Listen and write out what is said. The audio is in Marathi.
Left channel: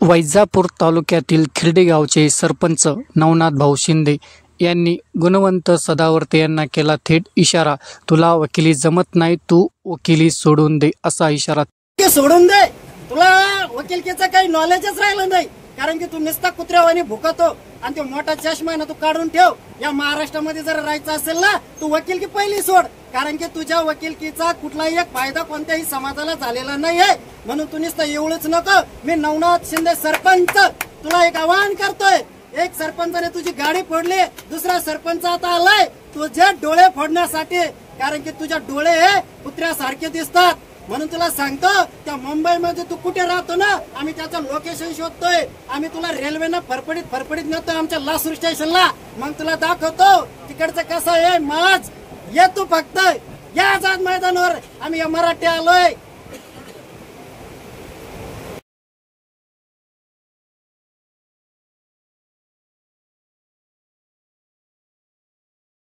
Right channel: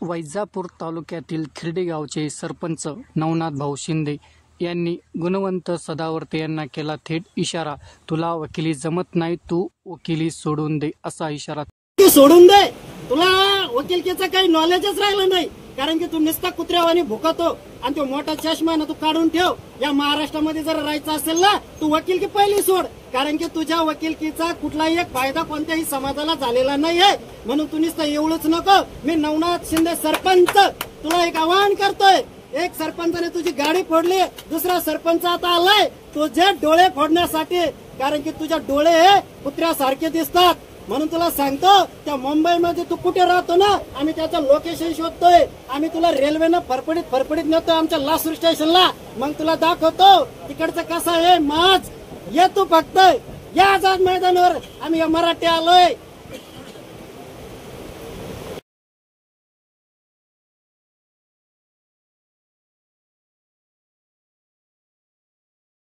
वैजापूर तालुक्यातील खिर्डी गावचे सरपंच नवनाथ भाऊ शिंदे यांनी गुणवंत सदावर्ते यांना केला थेट इशारा, तुला वकिली जमत नाही, तू वकिली सोडून दे असा इशारा. सोडून दे, तुला वकिलकीचं काही नॉलेजच राहिलं नाही, कारण की तू नुसता कुत्र्यावानी भुकतो आणि तो मोठा चष्मा ना तू काढून ठेव. या महाराष्ट्रामध्ये जर राहायचं असेल ना, तू वकिलकी पहिली सोड, कारण की तुझ्या वकिलकीचा कुठलाही एक फायदा कोणत्याही समाजाला झालेला नाहीये. म्हणून तू नुसतं एवढंच नको. मी नवनाथ शिंदे सरपंच तुला एक आवाहन करतोय. एक सरपंचाने तुझी गाडी फोडली, दुसरा सरपंच आता आलाय तुझे डोळे फोडण्यासाठी, कारण की तुझे डोळे हे कुत्र्यासारखे दिसतात. म्हणून तुला सांगतो, त्या मुंबईमध्ये तू कुठे राहतो ना, आम्ही त्याचं लोकेशन शोधतोय. आम्ही तुला रेल्वेनं फरफडीत नेतोय आमच्या लासूर स्टेशनला. मग तुला दाखवतो तिकडचं कसं आहे. माझ ये तू फक्त या आझाद मैदानावर, आम्ही मराठी आलोय.